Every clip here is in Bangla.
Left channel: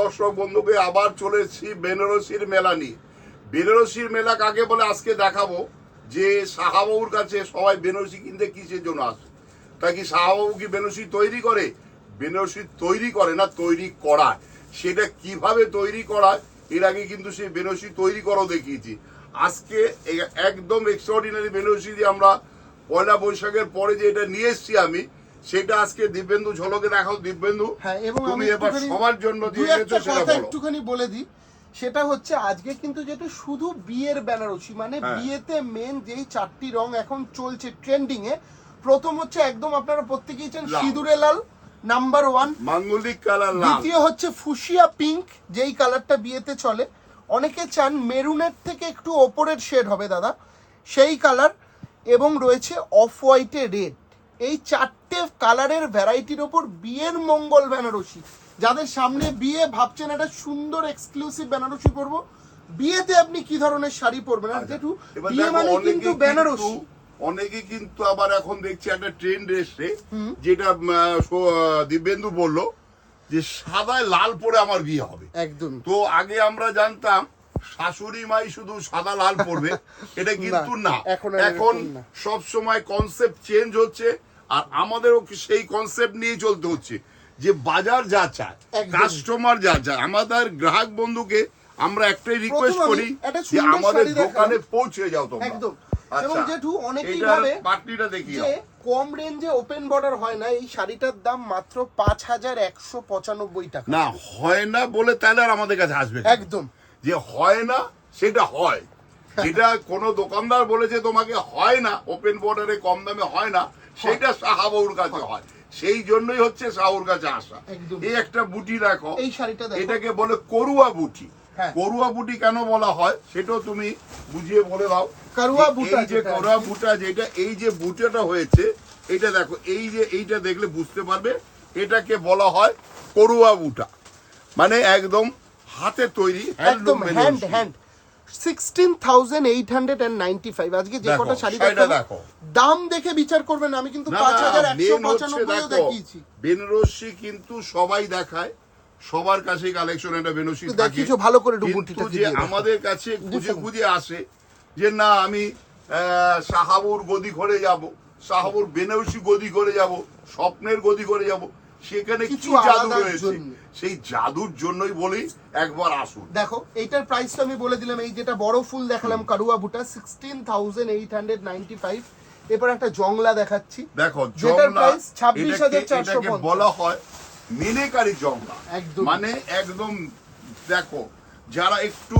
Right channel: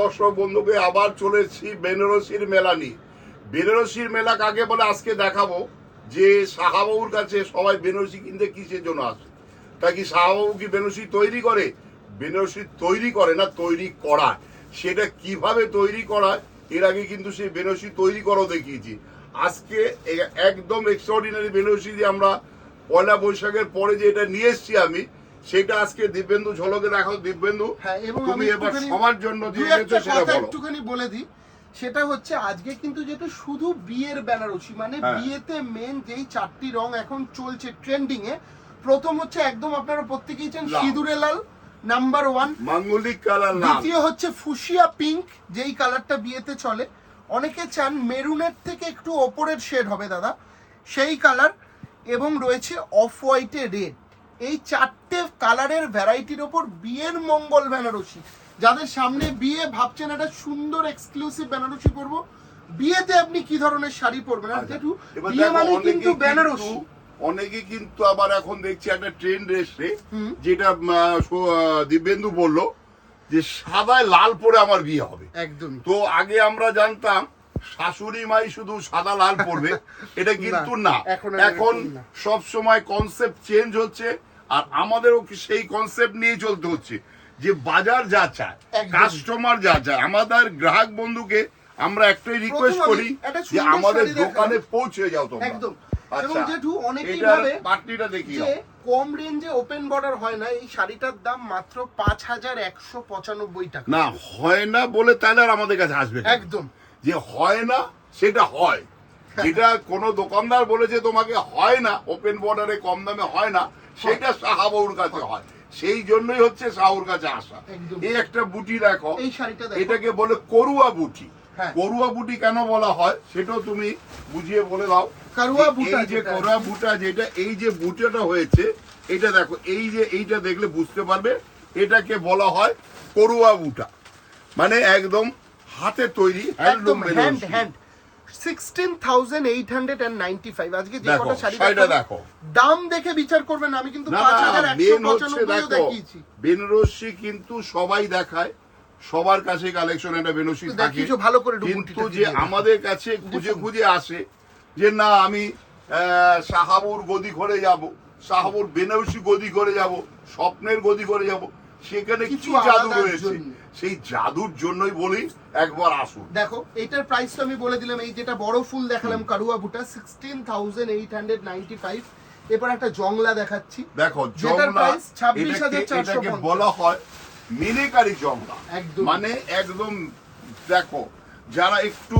দর্শক বন্ধুকে আবার চলে এসেছি বেনারসির মেলা নিয়ে। বেনারসির মেলা কাকে বলে আজকে দেখাবো? যে শাহাবাবুর কাছে সবাই বেনারসি কিনতে কিসের জন্য আসে? তা কি শাহাবাবু কি বেনারসি তৈরি করে? বেনারসি তৈরি করে না, তৈরি করা সেটা কীভাবে তৈরি করা এর আগে কিন্তু সেই বেনারসি তৈরি করাও দেখিয়েছি। আজকে একদম এক্সট্রাঅর্ডিনারি বেনারসি যে আমরা পয়লা বৈশাখের পরে যে এটা নিয়ে এসেছি আমি সেটা আজকে দিব্যেন্দু ঝলকে দেখাও দিব্যেন্দু হ্যাঁ এবং তুমি এবার সবার জন্য সেটা বলো। একটুখানি বলে দিই। সেটা হচ্ছে আজকে কিন্তু যেহেতু শুধু বিয়ের বেনারসি মানে হ্যাঁ। বিয়েতে মেন যেই চারটি রং এখন চলছে ট্রেন্ডিং এ প্রথম হচ্ছে একদম আপনারা প্রত্যেকেই চান। সিঁদুরে লাল নাম্বার ওয়ান মাঙ্গলিক কালার দ্বিতীয় হচ্ছে ফুসিয়া পিঙ্ক যেই কালারটা বিয়েতে চলে। অনেকে চান মেরুনের থেকে একটু ওপরের শেড হবে দাদা। সেই কালার। এবং রয়েছে অফ হোয়াইটে রেড এই চারটে কালারের ভ্যারাইটির ওপর বিয়ের মঙ্গল বেনারসি। যাদের সামনে বিয়ে ভাবছেন একটা সুন্দর এক্সক্লুসিভ বেনারসি পরবো বিয়েতে আপনি কি ধরনের শাড়ি পরবেন? আর আচ্ছা, বিয়ে মানে কিন্তু বেনারসি। অনেকে কিন্তু আবার এখন দেখছি একটা ট্রেন্ড এসছে। যেটা দিব্যেন্দু বলল যে সাদায় লাল পরে আমার বিয়ে হবে। একদম। তো আগে আমরা জানতাম শাশুড়ি মাই শুধু সাদা লাল পরবে এটা কিন্তু না। এখন সব সময় কনসেপ্ট চেঞ্জ হচ্ছে আর আমাদেরও সেই কনসেপ্ট নিয়ে চলতে হচ্ছে যে বাজার যা চায় কাস্টমার যা চায় আমাদের গ্রাহক বন্ধুকে আমরা একটাই রিকোয়েস্ট করি যে আমাদের দোকানে পৌঁছে যাও তোমরা। একদম। আচ্ছা এবং জেঠু অনেকেই ভাবে পাটনিটা দেখি যে কম রেঞ্জে ওপেন বর্ডার হয় না এই শাড়িটার দাম মাত্র পাঁচ হাজার একশো পঁচানব্বই টাকা। না হয় না বলে তাহলে আর আমাদের কাছে আসবে একদম। যে হয় না সেটা হয়। যেটা কোনো দোকানদার বলেছে তোমাকে হয় না ওপেন বর্ডারে কম দামে হয় না সেটা সাহাবুর কাছে হয়। সেই জন্যই হচ্ছে সাহুর কাছে আসা। এই একটা বুটি দেখো এটাকে বলে করুয়া বুটি। হ্যাঁ। করুয়া বুটি কেন বলা হয় সেটাও তুমি বুঝিয়ে বলে দাও। কারুয়া বুটা যে করুয়া বুটা যেটা এই যে বুটাটা হয়েছে এটা দেখো এই যে এইটা দেখলে বুঝতে পারবে এটাকে বলা হয় করুয়া বুটা। মানে একদম হাতে তৈরি handloom hand hand sixteen thousand eight hundred and ninety five আজকে যে কটা শাড়ি দেখো। দাম দেখে বিচার করবেন আমি কিন্তু পাঁচ হাজার একশো পঁচানব্বইও দেখিয়েছি। বেনারসি কিন্তু সবাই দেখায় সবার কাছে কালেকশন একটা বেনারসি একটু থাকে। দেখিয়েছো ভালো করে কিন্তু যে আমাদের কাছে খুঁজে খুঁজে আসে যে না আমি সাহাবুর গদি করে যাব সাহাবুর বেনারসি গদি করে যাব স্বপ্নের গদি করে যাব। সেখানে কিছু জাদু রয়েছে? সেই জাদুর জন্যই বলি একবার আসুন। দেখো এইটার প্রাইসটা আমি বলে দিলাম এই যেটা বড় ফুল দেখালাম কারুয়া বুটা sixteen thousand eight hundred ninety five এরপর একটা জংলা দেখাচ্ছি। দেখো price 26,450 এটাকে এটাকে বলা হয় মিনেকারি জংলা। একদম। মানে একদম দেখো যারা একটু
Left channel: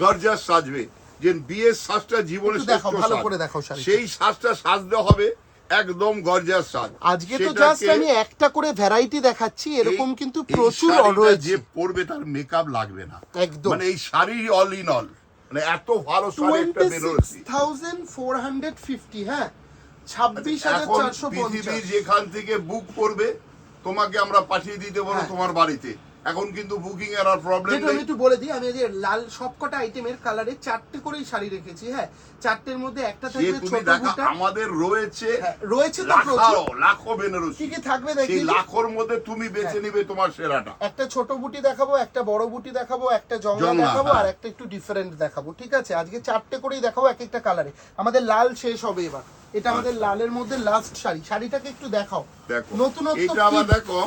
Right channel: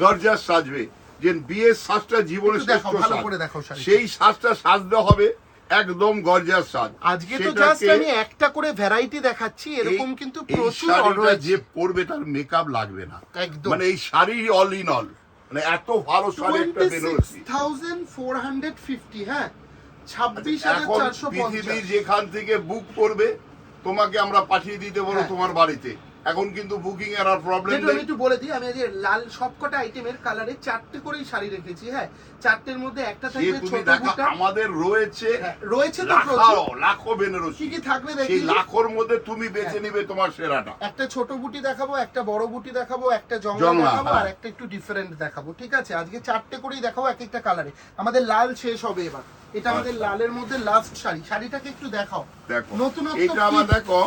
গর্জাস সাজবে যে বিয়ের শ্বাসটা জীবনে শ্রেষ্ঠ ভালো করে শাড়িটা। সেই শ্বাসটা সাজতে হবে একদম গর্জাস সাজ আজকে তো জাস্ট আমি একটা করে ভ্যারাইটি দেখাচ্ছি এরকম কিন্তু প্রচুর অর্ডার যে পরবে তার মেকআপ লাগবে না। একদম। মানে এই শাড়ি অল ইন অল মানে এত ভালো শাড়ি একটা বেরোচ্ছি থাউজেন্ড ফোর হান্ড্রেড ফিফটি হ্যাঁ। ছাব্বিশ হাজার এখন চারশো পৃথিবীর যেখান থেকে বুক করবে তোমাকে আমরা পাঠিয়ে দিতে পারব হ্যাঁ। তোমার বাড়িতে। এখন কিন্তু বুকিং এর আর প্রবলেম নেই। একটু বলে দিই আমি আজকে লাল সবকটা আইটেমের কালারে চারটে করেই শাড়ি রেখেছি হ্যাঁ। চারটের মধ্যে একটা থাকবে ছোট বুটা। আমাদের রয়েছে হ্যাঁ, রয়েছে তো প্রচুর। লাখো বেনারসি। কি কি থাকবে দেখি। লাখোর মধ্যে তুমি বেছে হ্যাঁ। নিবে তোমার সেরাটা। একটা ছোট বুটি দেখাবো একটা বড় বুটি দেখাবো একটা জংলা দেখাবো হ্যাঁ। আর একটা একটু ডিফারেন্ট দেখাবো ঠিক আছে? আজকে চারটে করেই দেখাবো এক একটা কালারে আমাদের লাল শেষ হবে এবার। এটা আমাদের আচ্ছা। লালের মধ্যে লাস্ট শাড়ি। শাড়িটাকে একটু দেখাও। দেখো। নতুন এইটা কি? আবার দেখো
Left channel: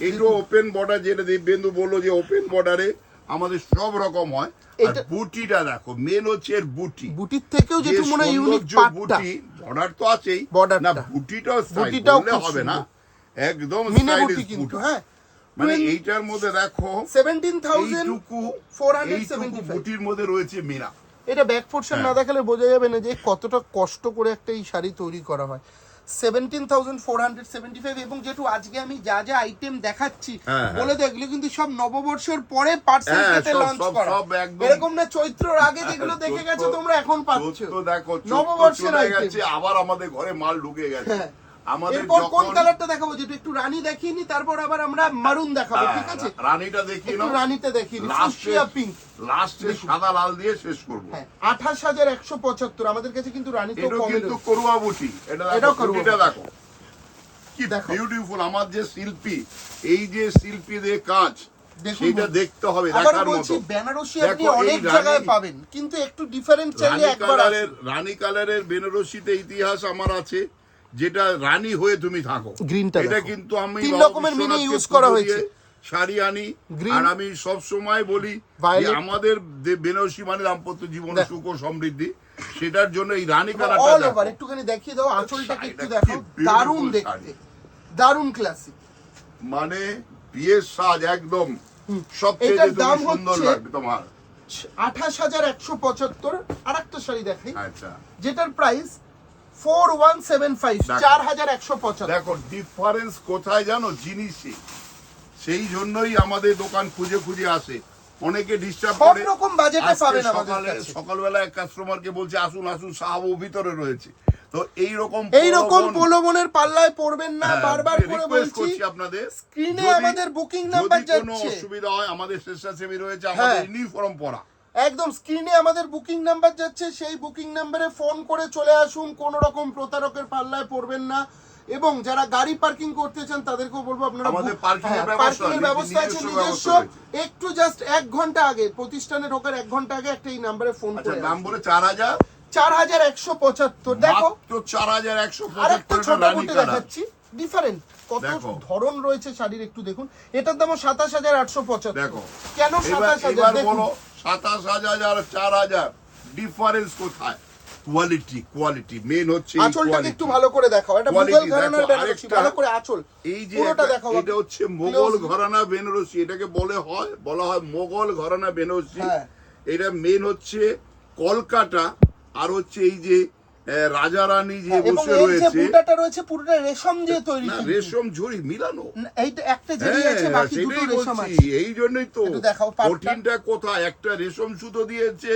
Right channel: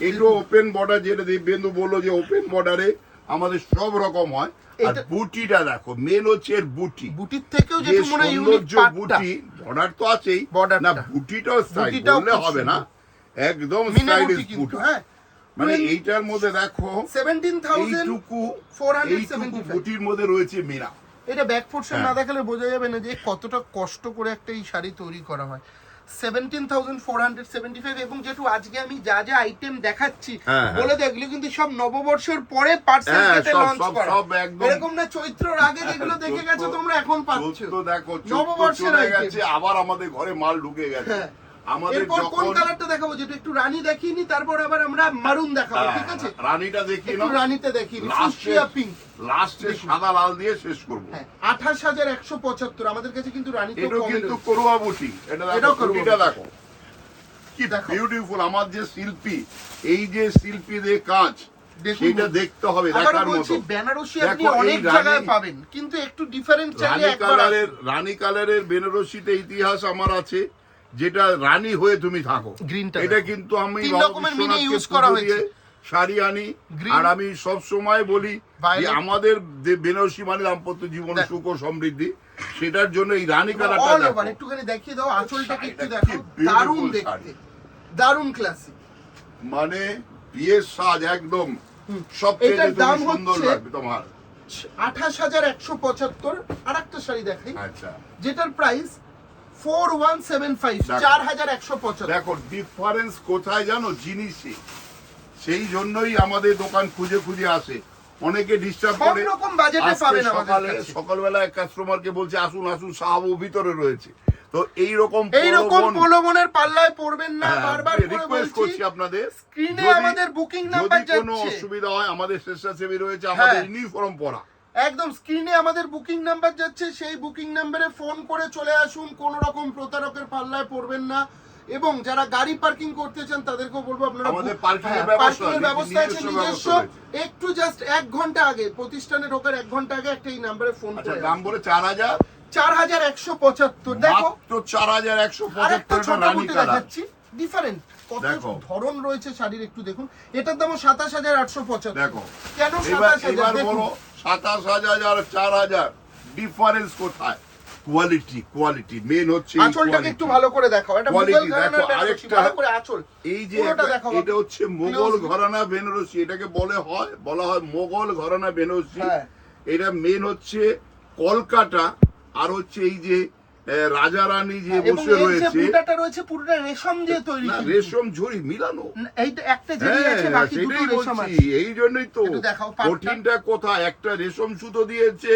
এইটা ওপেন বর্ডার যেটা দিব্যেন্দু বলল যে ওপেন বর্ডারে আমাদের সব রকম হয়। আর বুটিটা দেখো মেন হচ্ছে এর বুটি। বুটির থেকেও যেটা মনে ইউনিক পাটটা। বর্ডার তো আছেই। Border না বুটিটাও বুটিটাও হবে না। একদম স্টাইলিশ বুটি হ্যাঁ। মানে এইটার মধ্যে দেখো সেভেন্টিন থাউজেন্ড এইটুকু 475 এইটুকু বুটির মধ্যে রয়েছে মীরা এটা ব্যাক পোর্শন না। দেখালে বোঝা যাবে না যে কতটা কষ্ট করে একটা এই শাড়ি তৈরি করা হয়। Seventeen thousand four hundred seventy five এবং আজকে আমি যা যা আইটেম দেখাচ্ছি হ্যাঁ, হ্যাঁ। বলে এগুলো কিন্তু সব নববর্ষের পরে পার্সেল হ্যাঁ, কেটে লঞ্চ করা এরকম না চৈত্রর আগে যেগুলো দেখে গেছো তোমরা এখন পাচ্ছ তো দেখো নববর্ষের আবার আমাদের ঘরে মাল ঢুকে গেছে। আমাদের কোন কালারটা দেখাবো? যেটা একটু রানী দেখিনি তারপর আবার আমরা মারুন দেখাবো হ্যাঁ, ঠিক আছে? রানীটা রানীতে পিঙ্ক লাস্টে সাদা লাল দিয়ে শেষ করব। হ্যাঁ আমাদের কাছে কিন্তু এটাও কম কিন্তু করুয়া বুটি। এটা দেখো বুটি। দেখো। কি বিউটিফুল আমার যে শিল্পী এই যে শিল্পীদের কাজ সেটা দেখতে হবে দেখার মতো। বেনারসি আপনি অনেক জায়গায় পাবেন কিন্তু একটু ডিফারেন্ট চাইলে রানী একবার কালারের রানী কালারের বেনারসিতে ইতিহাস আমার আছে। যেটা রানী হয়ে তুমি থাকো। এটা কিন্তু আমি বাবা বিশ্বনাথকে পুজো দিয়ে শাড়ি আনি। আর আমি সব সময় বলি আমাদের যে বেনারসি মানে দাম্পত্য জীবনে সুখ ও সমৃদ্ধি সেটার জন্য এই রানী কালারটা একটুখানি দেখিয়ে দাও আঁচলটাকে একটু দেখো। দারুণ দেখতে। দারুণ ক্লাসিক মানে বিয়ের সাজ একদম এটার তুমি দাম সুন্দর লাগবে তোমার। আঠাশ হাজার একশো পঁচাত্তর আর একটা শাড়ি দেখাই। আচ্ছা। যেটার price four one seven five দেখো। চার হাজার একশো পঁচাত্তর। দেখো ডিফারেন্স কোথায় জানো? জিনিসই। সেই জন্যই আমাদের দোকান খুঁজে খুঁজে আসে। অনেকে ডিস্টার্ব করে। রকম বাজেটে পাবেন সকালে সকালবেলা এক কাস্টমারকে বলছে আসুন আসুন সাহাবু ভিতরে রয়েছে। তো এই রকম পাল্লায় পড়বেন না। বারবার করে বলছি আপনাদের। স্ক্রিনে আমাদের বুকিং নাম্বার কোনো অসুবিধা হয় আমাদের স্বেচ্ছাসেবী রয়েছে আমাদের হ্যাঁ। ইউনিফর্ম পরা। একদম স্ক্রিনে আমাদের বুকিং নাম্বার যাচ্ছে সেই বুকিং নাম্বারে ফোন করে চলে আসুন কোন রকম প্রতারকের পাল্লায় পড়বেন না। এবং যারা গাড়ি পার্কিং করতে চান তাদেরকেও বলব আপনারা parking এর হ্যাঁ, ব্যবস্থা, আছে নিজস্ব। একটু জাস্ট এক ঘণ্টা আগে প্রতিষ্ঠানে ঢোকার এক ঘণ্টা আগে একটা এই নাম্বারে ফোন আচ্ছা করে দাম বলে চার হাজার? চার হাজার একশো পঁচাত্তর দেখো। চার হাজার একশো পঁচাত্তর ডিফারেন্ট কত ধরন রয়েছে শাড়ির একটু দেখুন। এটার দাম সাতাশ হাজার আটশো পঁচাত্তর। দেখো। কেন সাতাশ হাজার? সাতাশ হাজার আর চার হাজার। ডিফারেন্স কোথায়? কোয়ালিটি কোয়ালিটি মেন হচ্ছে আঁচলটাকে একটু ভালো করে দেখাও। এটা মুঘল ঘরানার বেনারসি। ভালো করে আঁচল। এই যে দেখাও এটা হচ্ছে মোগল ঘরানা বেনারসি। এটাকে বলে হয় বলা হয় মোগল ঘরানা বেনারসি। হ্যাঁ। এটা মেন হচ্ছে কলকাতা আর হচ্ছে এই যে রাজা রানী যে হ্যাঁ, বসে রয়েছে বুটাটা রয়েছে পুরোটা রেশম দিয়ে তৈরি রেশম ঝুড়ি মিলানো। এইটা একটা আছে হ্যাঁ, বাকি দুটো রেশম আছে। এই জন্যই তো। কঠিনটা কোথায়? একটা রেশম সুতো দিয়েছে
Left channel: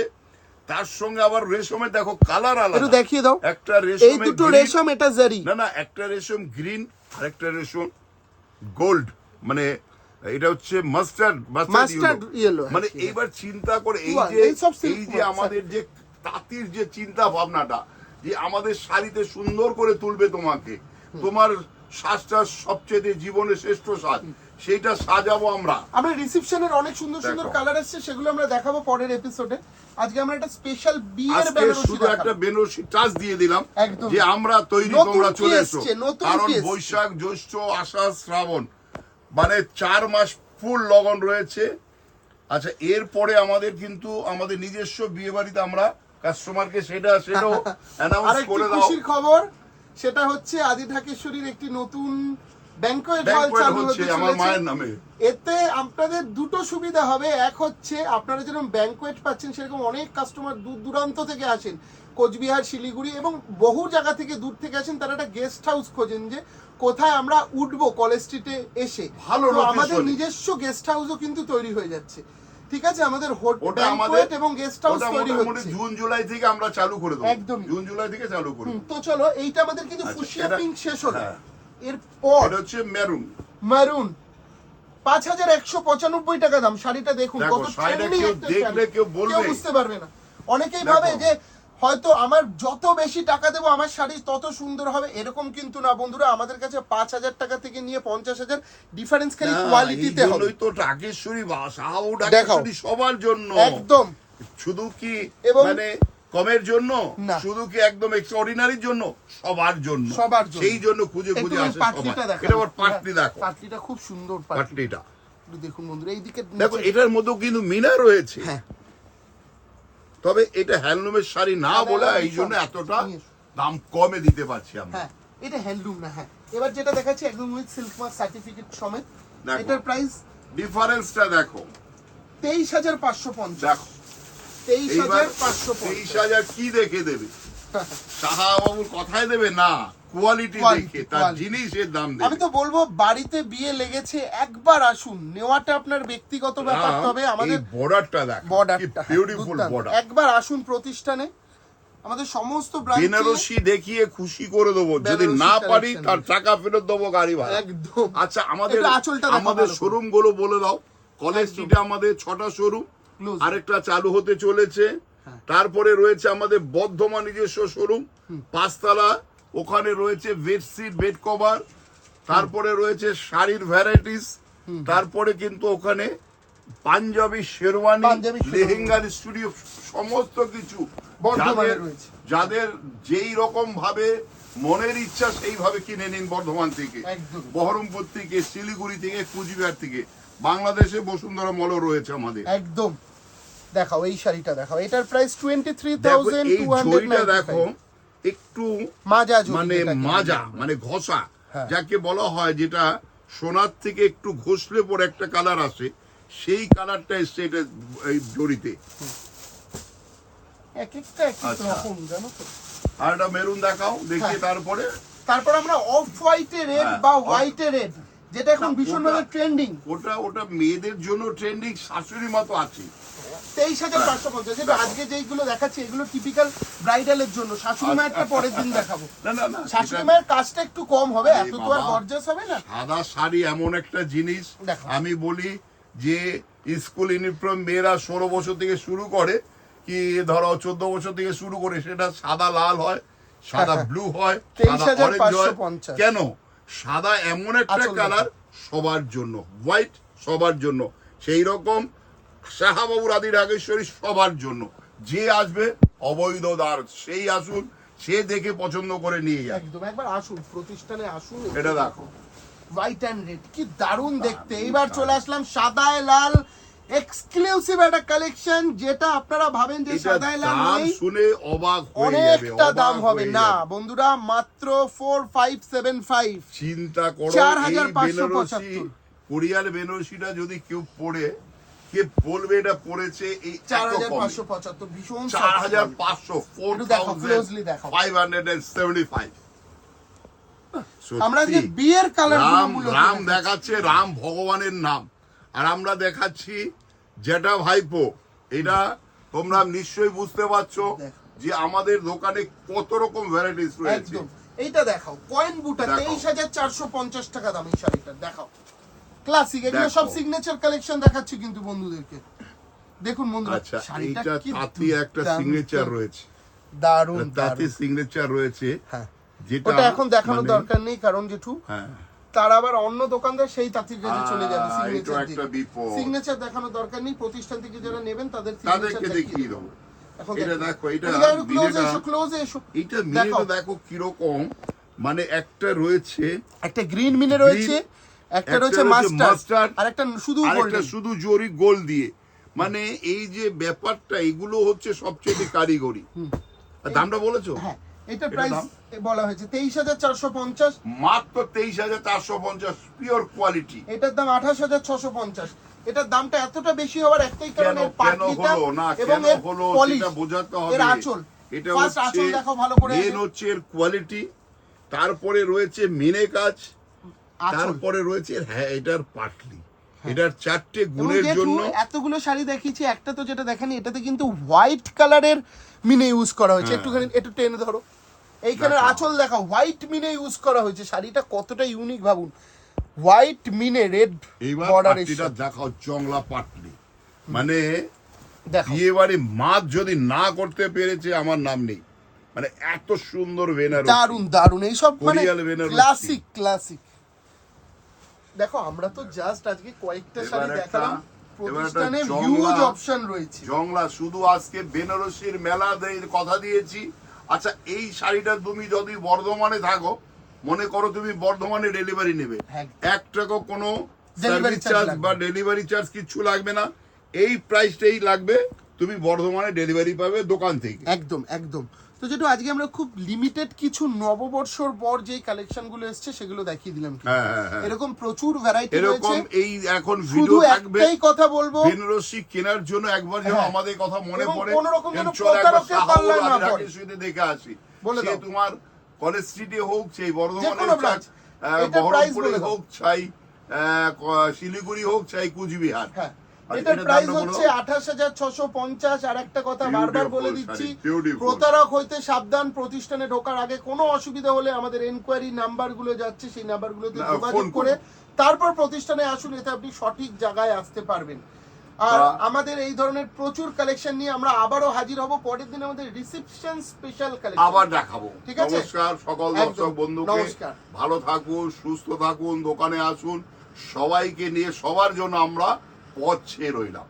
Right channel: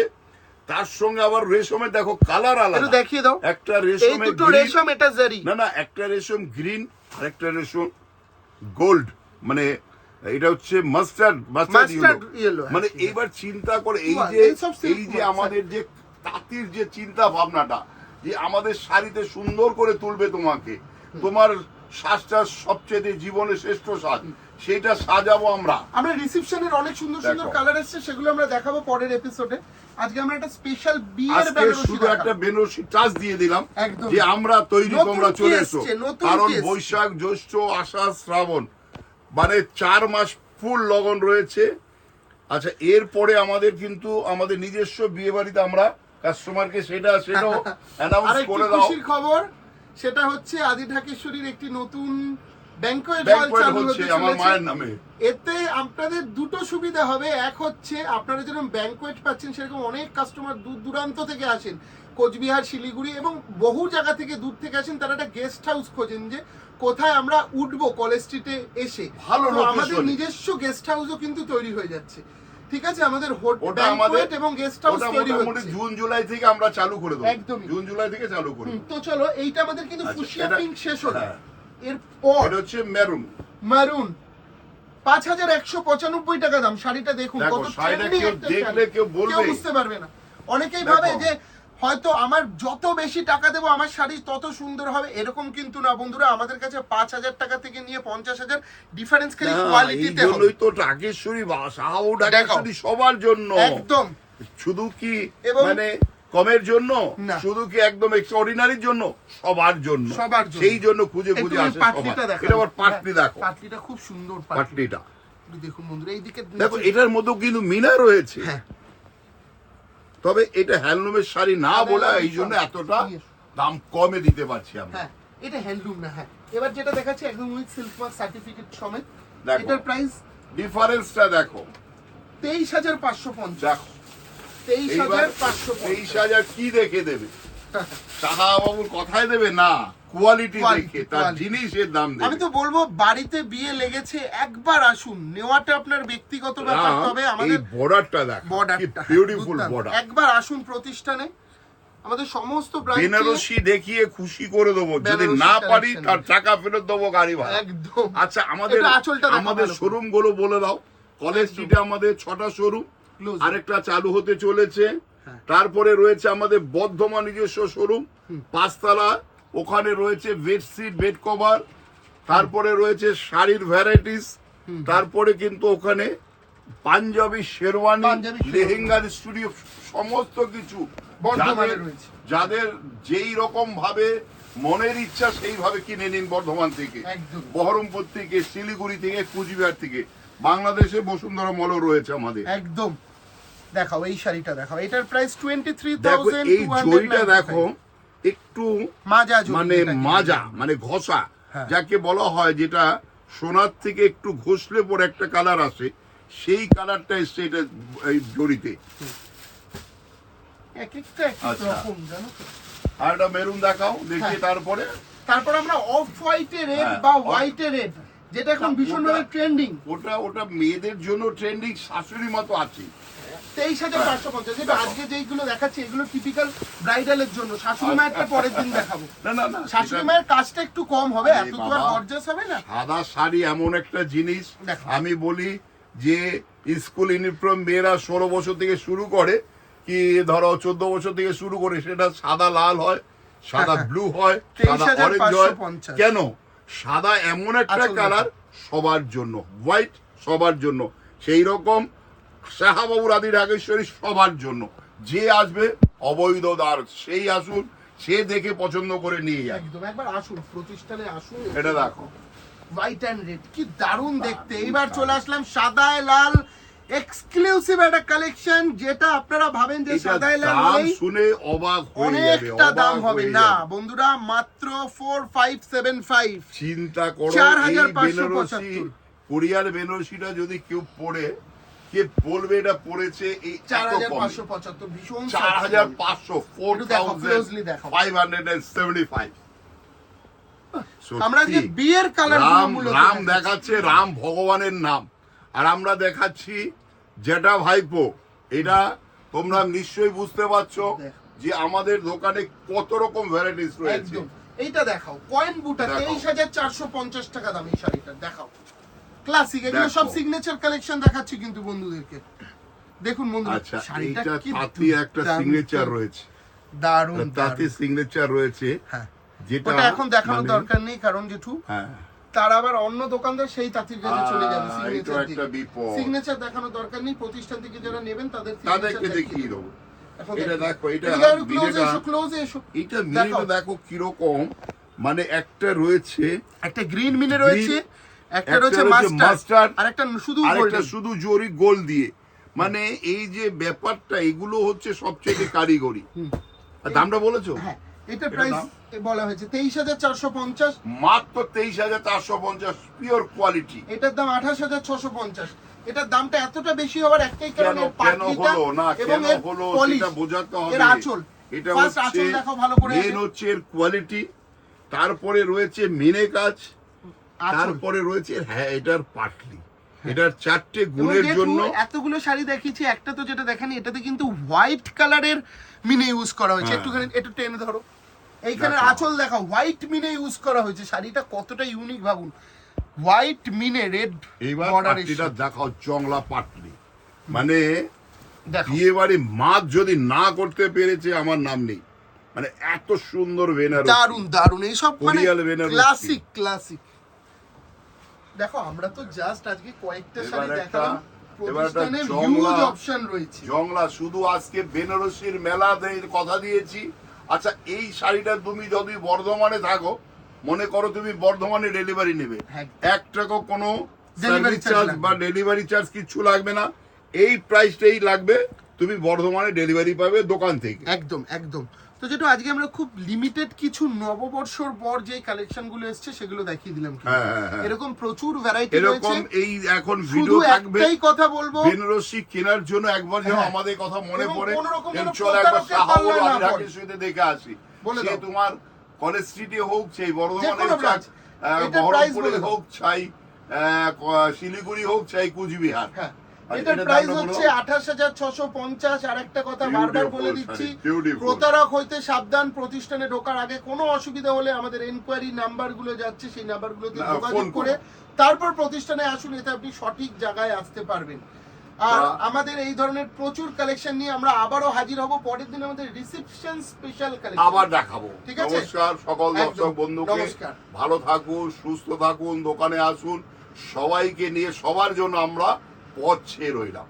তার সঙ্গে আবার রেশমের দেখো কালার একটু আলাদা দেখিয়ে দাও। একটা এই রেশমে দুটো রেশম এটা জেরি না না একটা রেশম গ্রিন আর একটা রেশম গোল্ড মানে এটা হচ্ছে মাস্টার্ড মাস্টার্ড yellow, মানে এইবার চিন্তা করে এই যে এই এই যে আমাদের যে তাঁতির যে চিন্তা ভাবনাটা যে আমাদের শাড়িতে সুন্দর করে তুলবে তোমাকে। তোমার সাজটা সবচেয়ে জীবনের শ্রেষ্ঠ সাজ সেইটা সাজাবো আমরা। আমরা রিসেপশনের অনেক সুন্দর সুন্দর কালার এসেছে সেগুলো আমরা দেখাবো পরের এপিসোডে আজকে আমরা একটা স্পেশাল বিয়ের বেনারসি শুধু একটা বেনারসি টাচ দিয়ে দিলাম যে আমরা তৈরি তোমরা চলে এসো। কারণ বৈশাখ জ্যৈষ্ঠ আষাঢ় শ্রাবণ মানে চার মাস ফুল লগন রয়েছে। আচ্ছা এরপরে আমাদের কিন্তু আমাদের নিজস্ব বিয়ে বাড়িতে আমরা কাস্টমারকে সেটা সেটাও অ্যানাউন্স করে দাও। খুশির খবর সেটা হচ্ছে আদি ঢাকেশ্বরীর একটি নতুন ব্যাংকোয়েট হল চালু হতে আমার মায়ের নামে। এতে আপনাদের দুটো সুবিধা হবে। এক হচ্ছে আপনারা যেরকম ব্যাংকোয়েট পাচ্ছেন সেরকম অনেক কাস্টমার দূর দূরান্ত থেকে আসেন। কোচবিহার শিলিগুড়ি এবং বহু জায়গা থেকে দূর থেকে আসেন। তারা একটা গেস্ট হাউস খোঁজেন যে কোথায় আমরা উঠবো কলেজ স্ট্রিটে এসে। ভালো আমাদের নিজস্ব গেস্ট হাউসও কিন্তু তৈরি হয়ে যাচ্ছে। ঠিক আছে আমাদের ওটা আমাদের এবং গেস্ট হাউস তৈরি হচ্ছে। জুন জুলাই থেকে আমরা চালু করে দেবো। একদম জুন জুলাই থেকে চালু করব তো চলো এইটা আমাদের কিন্তু আচ্ছা, ফুসিয়া পিঙ্ক শেষ হলো। এর এরপর হচ্ছে মেরুন মেরুন পাঁচ হাজার একশো পঁচানব্বই টাকা দাম শাড়িটা দেখুন কত দেখলে কেউ বলবে। বুঝতে পারবে না। অনেকেই ভাবে যে হয়তো আমার যত বেশি টাকা দেবো আমার শাড়ি তত সুন্দর হবে। এরকম কিন্তু না বন্ধুরা আমাদের কাছে পাঁচ হাজার টাকা থেকে নিয়ে পঞ্চাশ হাজার ডিফারেন্স খালি কোয়ালিটিতে হবে। তো ঢাকেশ্বরী বা সাহাউ ঢাকেশ্বরী সবার জন্য। একদম। শুধু কি মানে কমের জন্য। শুধু কি একদম এক্সট্রাঅর্ডিনারির জন্য? সবার জন্য। সবার জন্য। সেই জন্য খুঁজে খুঁজে ওই আসে পাটলিটা সবাই। দেখো এটা আবার পাটলি দেখো। পাটলিটা খুব সুন্দর পাটলি পাটলিটা দেখুন বন্ধুরা এইদিকে দেখো এটার মধ্যেও কিন্তু মিনা রয়েছে। হ্যাঁ। তবে এটা হ্যান্ডলুমের শাড়ি না বলে এই জন্য এতটা দাম কমে দিতে পারছি আমরা। হ্যাঁ এটা হ্যান্ডলুম না হ্যাঁ। এবার যেটা দেখাচ্ছি একদম উইথ সিল্ক মার্ক সার্টিফিকেট সমেত। এটার প্রাইস ডিফারেন্সটা দেখো। তেইশ হাজার পাঁচশো পঞ্চাশ। দেখো তেইশ হাজার পাঁচশো তেইশ হাজার কি দেখে দেবে? সাহাবাবুর কথাই দেবে না কোয়ালিটি দেখে তার জিনিসের দাম আমি তো বলব বাড়িতে বিয়ে লেগেছে একবার আসুন। নেওয়াটা আপনার ব্যক্তিগত ব্যাপার তবে আমাদের বর্ডারটা দেখ বর্ডারটা বিউটিফুল বর্ডার একবার আসুন প্রতিষ্ঠানে। আমাদের সমস্ত বেনারসি দেখিয়ে খুশি করে দেবো। যদি না পারি তার টাকা ফেরত দেবো গাড়ি ভাড়া। একদম। আচ্ছা আমাদের আমাদের শোরুমগুলো বলে দাও। কলেজ স্ট্রিটে আমাদের ছটা শোরুম আরেকটা চালু হতে চলেছে। হ্যাঁ। তারপরে রয়েছে আমাদের বর্ধমান নিজস্ব শোরুম পাঁচতলা ওখানে রয়েছে বেডশিট বেড কভার তারপরে রয়েছে শাড়ির ভ্যারাইটিস তারপরে কিন্তু ওখানে পাঞ্জাবি শেরওয়ানি লেহেঙ্গার স্টুডিও সমস্ত কিছু যাদের- যেই রকম ভাবে মনের ইচ্ছা সেইভাবে কিনে নিন বর্ধমান থেকে। বহরমপুর থেকে শিলিগুড়ি থেকে কুচবিহার থেকে। বাংলাদেশে বসুন্ধরা মলও রয়েছে আমাদের। একদম। দেখাও এই শাড়িটা দেখাও। এটার প্রাইস টোয়েন্টি থ্রি থাউজেন্ড দেখো একটু মাজা মানে মাজা মানে ঘষা হ্যাঁ। যাকে বলা হয় যেটা সোনার থেকে একটু ঘষলে পরে একটা কালার আসে সেই কালারটা এসছে এটা এই এক আচ্ছা। আর একটা মেরুন দেখাও দেখি হ্যাঁ। তারপরে তারপর আমরা অফ হোয়াইটে রেড বা হোয়াইটে রেড যেটা এখন ভীষণভাবে ট্রেন্ডিং ওটা ওটা মেয়েদের জন্য ট্রেন্ডিং শাশুড়ি মতো আছে তেইশ হাজার পঞ্চাশ। যেটা আজকে যেইগুলো দেখাচ্ছি এগুলো টিপিক্যাল ব্রাইডালের জন্য। শাশুড়ি মায়েরটা পরের দিন দেখাবো। না না না শাশুড়ি মায়ের কাজটা একটু কম হবে এত তো আর গর্জাস হবে না? সাদা শাড়ি এমন একটা জিনিস আমি বলি যে স্কুল ইউনিফর্ম মেয়েরা ষোলো বছর থেকে শুরু করে কি ধরো চোদ্দ বছর থেকে শুরু করে সেটা সাদা লাল হয় সাদা ব্লু হয় সাদা অরেঞ্জ হয়। কেন? সাদা এমন একটা কালার সবার জন্য হোয়াইট সবার জন্য। সেই রকম শাহাবাবুর আদি রাগেশ্বরী সবার জন্য। যে আসবে অবৈধ দ্বার সেই আসুন সে দেখে পছন্দ করে নিয়ে যায় একদম একবার আসুন প্রতিষ্ঠানে আসুন। এটা দেখো। হোয়াইট অ্যান্ড রেড কি দারুণ দেখতে। এইবার চলে আসলাম সাদায় লাল এক্সক্লুসিভ একটা কালেকশন যেটা আপনারা ভাবেন যে সাদায় লাল নেই শুনে অবাক হয়ে অনেকটা দাম হবে। না বন্ধুরা মাত্র ফোর ফাইভ সেভেন ফাইভ চিন্তা করো চার এই হাজার পাঁচশো বেনারসি পঁচাত্তর। কোরিয়ার বেনারসিটা যদি কেউ পড়ে কে বলবে এটা পড়েছে এই চার হাজার পাঁচশো পঁচাত্তর ভীষণ চার হাজার পাঁচশো four thousand five hundred seventy five আমরা যে বিয়ের কালার রাম রাম দেখাচ্ছে রাম ভগবানের নাম। আর আমরা দেখাচ্ছি যেটা ভাইপো। এটা তোমরা নিশ্চয়ই বুঝতে পারছ যে আমাদের দোকানে কত রকম ভ্যারাইটিস রয়েছে। এইটা দেখাও কয়েন বুটা তেইশ হাজার চারশো পঞ্চাশ টাকা দাম এই শাড়িটা দেখাও। ক্লাসিক এগুলো সব সিগনেচার কালেকশন দেখাচ্ছি কিন্তু বন্ধুদেরকে। দেখুন বন্ধুরা আচ্ছা শাড়িটা কি তাঁতি একটা সিগনেচার রয়েছে। দারুণ তাঁতি সিগনেচার রয়েছে। হ্যাঁ। যেটা এখন দেখানোর মানে- দরকার নেই কারণ জেঠু হ্যাঁ। তার আবার অন্য দোকানদার সেই তাঁতির কাছে চলে যাবে সিগনেচার দেখানোর দরকার নেই প্রতিষ্ঠান থেকে যারা নেবেন তাদের তাদেরকে দেখিয়ে দেবো। এটা দেখো। এটা এটা মিনেটা দেখো কীরকম। মানে একটা রয়েছে একটা গ্রিন মিনে রয়েছে। একটা আর একটা শুধু আরেকটা শুধু জরি গোল দিয়ে। মানে এই যে ব্যাপারটা এগুলো হচ্ছে সবচেয়ে কারিগরি। দামটা বলেছ? হ্যাঁ এটা এটার প্রাইস দাম? বলা হয়েছে তেইশ হাজার চারশো পঞ্চাশ। মাত্র তেইশ হাজার চারশো পঞ্চাশ পিওর কোয়ালিটি এটার দাম আঠাশ হাজার ছশো পঞ্চাশ। এটার দামটা এতটা বেশি হওয়ার একটাই কারণ কেন এর কেন পাটলিটা না এবং কেন এর হলো polish, সেটা বোঝাতে হবে। এর আঁচল। এটা হচ্ছে দেখো ভালো করে মেন হচ্ছে এর কোয়ালিটি তারপরে রয়েছে মিনে কাজ। তারপরে রয়েছে হ্যাঁ এটার পাটলি। এটার চারটে গুণের জন্য এতগুলো শাড়ি দেখিয়েছি একটা তো যেটা দেখানি এটাতে কিন্তু হোয়াইট কালারের মিনে ইউজ করা হয়েছে। হ্যাঁ। একটুখানি একটু টেনে ধরো। এইখানে। আঁচল দেখা হোয়াইট মিনে ইউজ করা হয়েছে। শাড়িটা কতটা ইউনিক ভাবুন। হোয়াইট মিনে রেড এইবার পাটলিটা দেখাও জংলা পাটলি। মানে দেখো। বিয়ে বাড়ি মাছ যদি না করতে পেরেছে আমার নাম নেই। মানে এত সুন্দর বেনারসি দারুণ দারুণ এইসব মানে। ক্লাসিক ক্লাসিক দেখো আমরা তো জাস্ট আজকে কয়েকটা শাড়ি দেখালাম। এবার একটা প্রতিষ্ঠানে জংলা- হিউজ অপশন রয়েছে। জংলা শুধু আজকে বেনারসির মেলা কথা দিয়েছি। আচ্ছা এই শাড়িটা তুমি যদি বর্ধমানে থাকো মনে করো তুমি বর্ধমানে ডেলিভারি নেবে। হ্যাঁ। এক টাকা কোনো সার্ভিস চার্জ বা ডেলিভারি চার্জ কিচ্ছু লাগবে না। এই প্রাইসটাই লাগবে তুমি বর্ধমানে ডেলিভারি পাবে দোকান থেকে। একদম একদম। তো যেটা আজকে আমরা খুব লিমিটেড কিছু নববর্ষর পর যে কালেকশনগুলো এসছে সেগুলো দেখিয়ে দিলাম হ্যাঁ হ্যাঁ হ্যাঁ। এরকম প্রচুর ভ্যারাইটি এরকম এই এখন ভিডিও থাকবে। একটাই কথা বলব। বেনারসি কেনার জন্য একবার যেন। আমাদের কথা মনে পড়ে। কোনো রকম যেন শাহবাগ পাল্লায় না পড়ে। সাথে দেখে আসি বলে দাও। তোমার কলেজ স্ট্রিটে হোক সেই বর্ধমানে branch। বহরমপুরে হোক চাই শিলিগুড়ি হোক চাই কুচবিহার। হ্যাঁ। আর এটার এটার প্রাইস হচ্ছে আঠাশ হাজার ছশো পঞ্চাশ আর একটা কথা বারবার বলে দিচ্ছি প্রতারক হইতে সাবধান প্রতিষ্ঠানে ঢোকার আগে কোনো অসুবিধা হলে আমাদের এনকোয়ারি নাম্বার যাচ্ছে সেই নাম্বার যোগাযোগ করে তারপর প্রতিষ্ঠানে আসুন এতে আপনি সঠিক জায়গায় আসতে পারবেন। আর আমাদের এই ধরনের প্রচুর কালেকশন নিয়ে আমরা আবারও হাজির হব। পরের দিন আমাদের রিসেপশন স্পেশাল কালেকশন আবার দেখাবো। ঠিক আছে? নমস্কার সকল দর্শক বন্ধুকে। নমস্কার। ভালো থাকুন সুস্থ থাকুন দোকানে আসুন। সবাইকে নিয়ে সবার জন্য আমরা পথ ছেয়ে রইলাম।